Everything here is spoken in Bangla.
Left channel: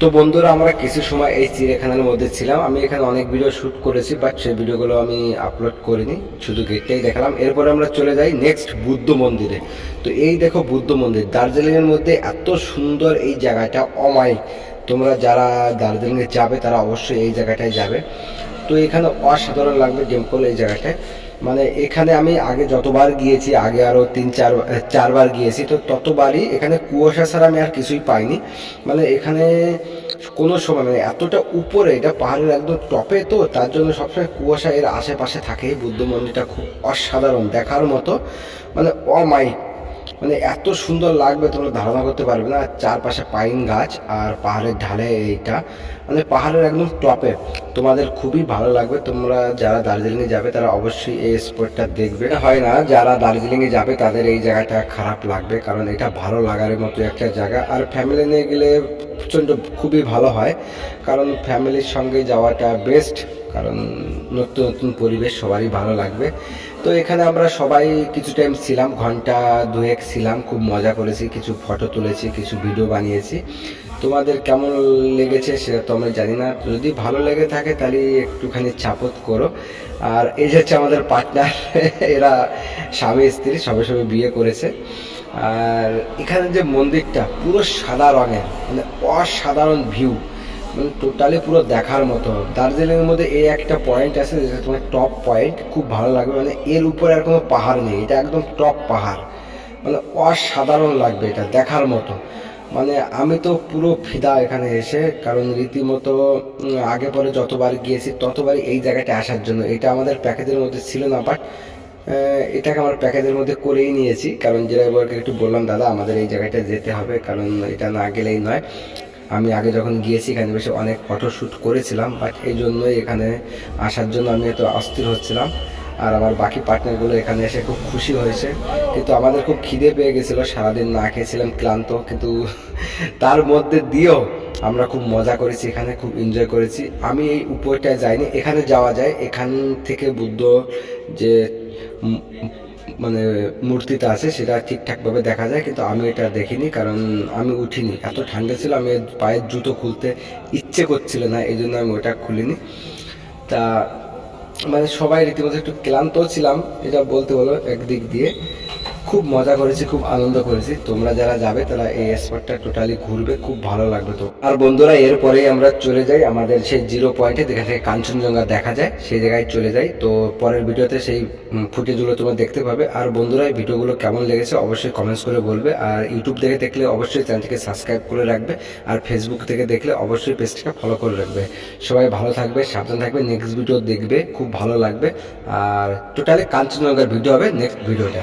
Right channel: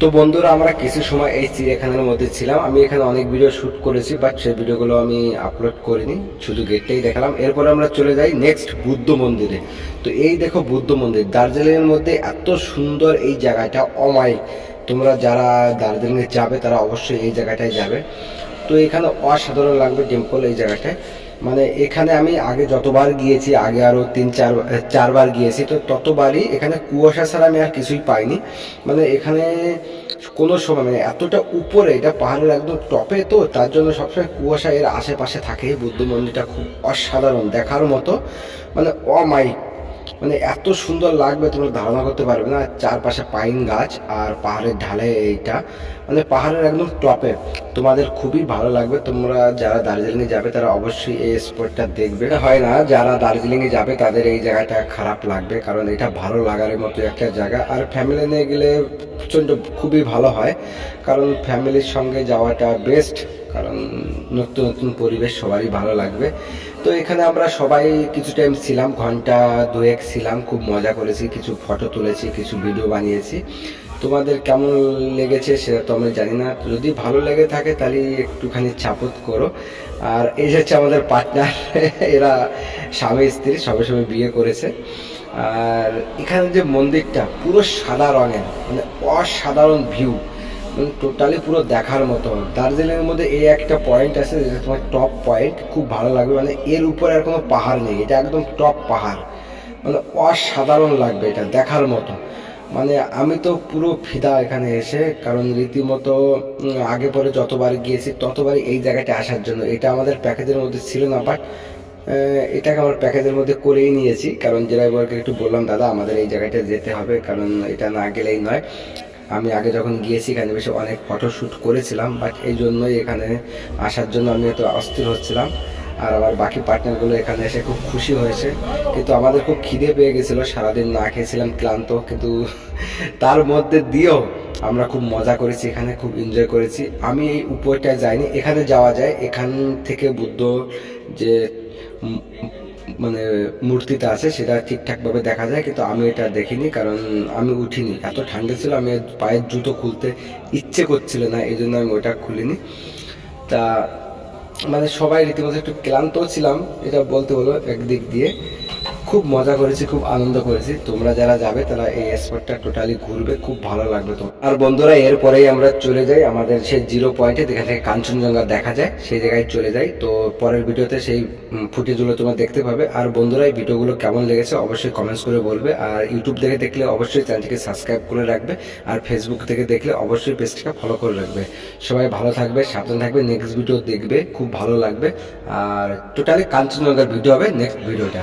তো বন্ধুরা, আমরা কিছু সময় এই চিড়িয়াখানার মধ্যে ছিলাম। আমি এখানে অনেক ভিডিও শ্যুট করেছি বাট সেই ভিডিওগুলো আমি আপলোড করিনি। শুধু গেটটাই দেখালাম। এরপরে আমরা চলে যাই নেক্সট বুদ্ধ মন্দিরে। তো এই দেখো বুদ্ধ মন্দির। দার্জিলিংয়ের মধ্যে এত সুন্দর এই জায়গাটা, অমায়িক। তোমরা যারা দার্জিলিংয়ে যাবে, তারা অবশ্যই এই জায়গাটায় যাবে। তো এখানে অসাধারণ লাগবে টেম্পল এই জায়গাটায়। মানে এখানে আমি আগে যতবার গিয়েছি, আগে আরও তিন, চার, চারবার গিয়েছি, তো ততবারই এখানে কুয়াশা ছাড়া আমি আর কিছুই পাইনি। মানে এখানে কোনো সময় মানে এতটা উপরে, এটা পাহাড়ের একদম টপে তো, তার জন্য সবসময় কুয়াশা এর আশেপাশে থাকে বুদ্ধ মন্দিরটা খুব অসাধারণ, দেখার মতো। মানে অমায়িক মানে এত সুন্দর লাগবে, তোমরা ধারণা করতে পারবে না। চারপাশে পাইন গাছ আর পাহাড়ের ঢালে এইটা। মানে পাহাড়ের একদম টপে। তোমাদের খুবই ভালো লাগবে। তোমরা যারা দার্জিলিংয়ে যাবে, তারা অবশ্যই এই স্পটটা দেখবে। হয় না, যারা দার্জিলিংয়ে যাবে, তাদের এই জায়গাটা খারাপ লাগবে, কারণ এটা ভালো লাগার মতো একটা জায়গা। আর ফ্যামিলি নিয়ে গেলে প্রচণ্ড খুবই ভালো হয়, কারণ ফ্যামিলির সঙ্গে যাওয়াটা বেস্ট কারণ নতুন নতুন পরিবেশ সবারই ভালো লাগবে। তো এখানে আমরা সবাই কিছু টাইম ছিলাম, ঘণ্টা দুয়েক ছিলাম, খুব মজা করেছি, কিছু ফটো তুলেছি, কিছু ভিডিও বানিয়েছি। তোমাদের কেমন লেগেছে সেটা তো আমরা জানি না। যদি ভালো লেগে থাকে তাহলে একটুখানি চাপত করো। আর এই হচ্ছে আমাদের পার্টনার এরা স্বামী, স্ত্রী, সবে সবে বিয়ে করেছে। আর এখানে যে মন্দিরটা, পুরো সাদা রঙের মানে অসাধারণ ভিউ মানে টোটালি পুরো দেখার মতো। দার্জিলিংয়ের মধ্যে এই একটা পয়েন্ট আছে যেটা তোমার টপ পয়েন্ট খুব ভালো লাগবে। মানে এর উপরে আর কোনো পাহাড় নেই, এটা একদম টপ পাহাড়। মানে অসাধারণ লাগবে এটা দেখার মতো। মানে আমি তো পুরো ফিদা এখানে এসে, কারণ রীতিমতো আগে পরে যতবার গিয়েছি, ততবারই এই জায়গাটা আসার জন্য। এটা আমাদের প্যাকেজের মধ্যে ছিল না বাট এটাকে আমার প্যাকেজের মধ্যে করেই নিয়েছি। কারণ ড্রাইভারকে একটু বললাম, দাদা, আমাদের এই জায়গাটা যেতে হবে। কারণ এটা না গেলেই নয়। আমি আগে যখন গিয়েছি, এখানে বেশি অনেক ফটোশ্যুট করেছিলাম বাট এই জন্যই এখানে আসার জন্য আমি এত অস্থির হচ্ছিলাম। আর আমার বাকি পার্টনারগুলো এখানে এসে খুব খুশি হয়েছে। কিন্তু আমাদের খুব খিদে পেয়ে গেছিল, সারাদিন না খেয়েছিলাম ক্লান্ত, কিন্তু তার মধ্যে দিয়েও আমরা খুব মজা করেছি, এখানে খুব এনজয় করেছি। আমি এই উপরটায় যাইনি, এখানে যাওয়া যায়। এখান থেকে বুদ্ধ যে মানে মূর্তিটা আছে, সেটা ঠিকঠাকভাবে দেখা যায়, কিন্তু আমি এটা দেখিনি, কারণ আমি উঠিনি। এত ঠান্ডা ছিল, আমি পায়ের জুতো খুলতে ইচ্ছে করছিল না, এই জন্য আমি ওটা খুলিনি। তা মানে সবাই রীতিমতো একটু ক্লান্ত ছিলাম, এটা বলতে হলো একদিক দিয়ে। খুব মজা করেছি, খুব আনন্দ করেছি। তোমরা যারা যাবে তারা এই স্পটটা টোটালি ঘুরবে, খুব ভালো লাগবে তো। আর বন্ধুরা, এরপরেই আমরা চলে যাই আমাদের সেই জিরো পয়েন্টে যেখান থেকে কাঞ্চনজঙ্ঘা দেখা যায়, সেই জায়গায় চলে যাই। তো পরের ভিডিওতে সেই ফুটেজগুলো তোমরা দেখতে পাবে। আর বন্ধুরা, এই ভিডিওগুলো কেমন লেগেছে অবশ্যই কমেন্টস করে বলবে। আর ইউটিউব থেকে দেখলে অবশ্যই চ্যানেলটিকে সাবস্ক্রাইব করে রাখবে। আর ফেসবুক থেকে দেখলে অবশ্যই পেজটাকে ফলো করে রাখবে। সবাই ভালো থাকবে, সাবধান থাকবে নেক্সট ভিডিও দেখবে, খুব ভালো লাগবে। আর টোটালি কাঞ্চনজঙ্ঘার ভিডিও হবে নেক্সট ভিডিওটা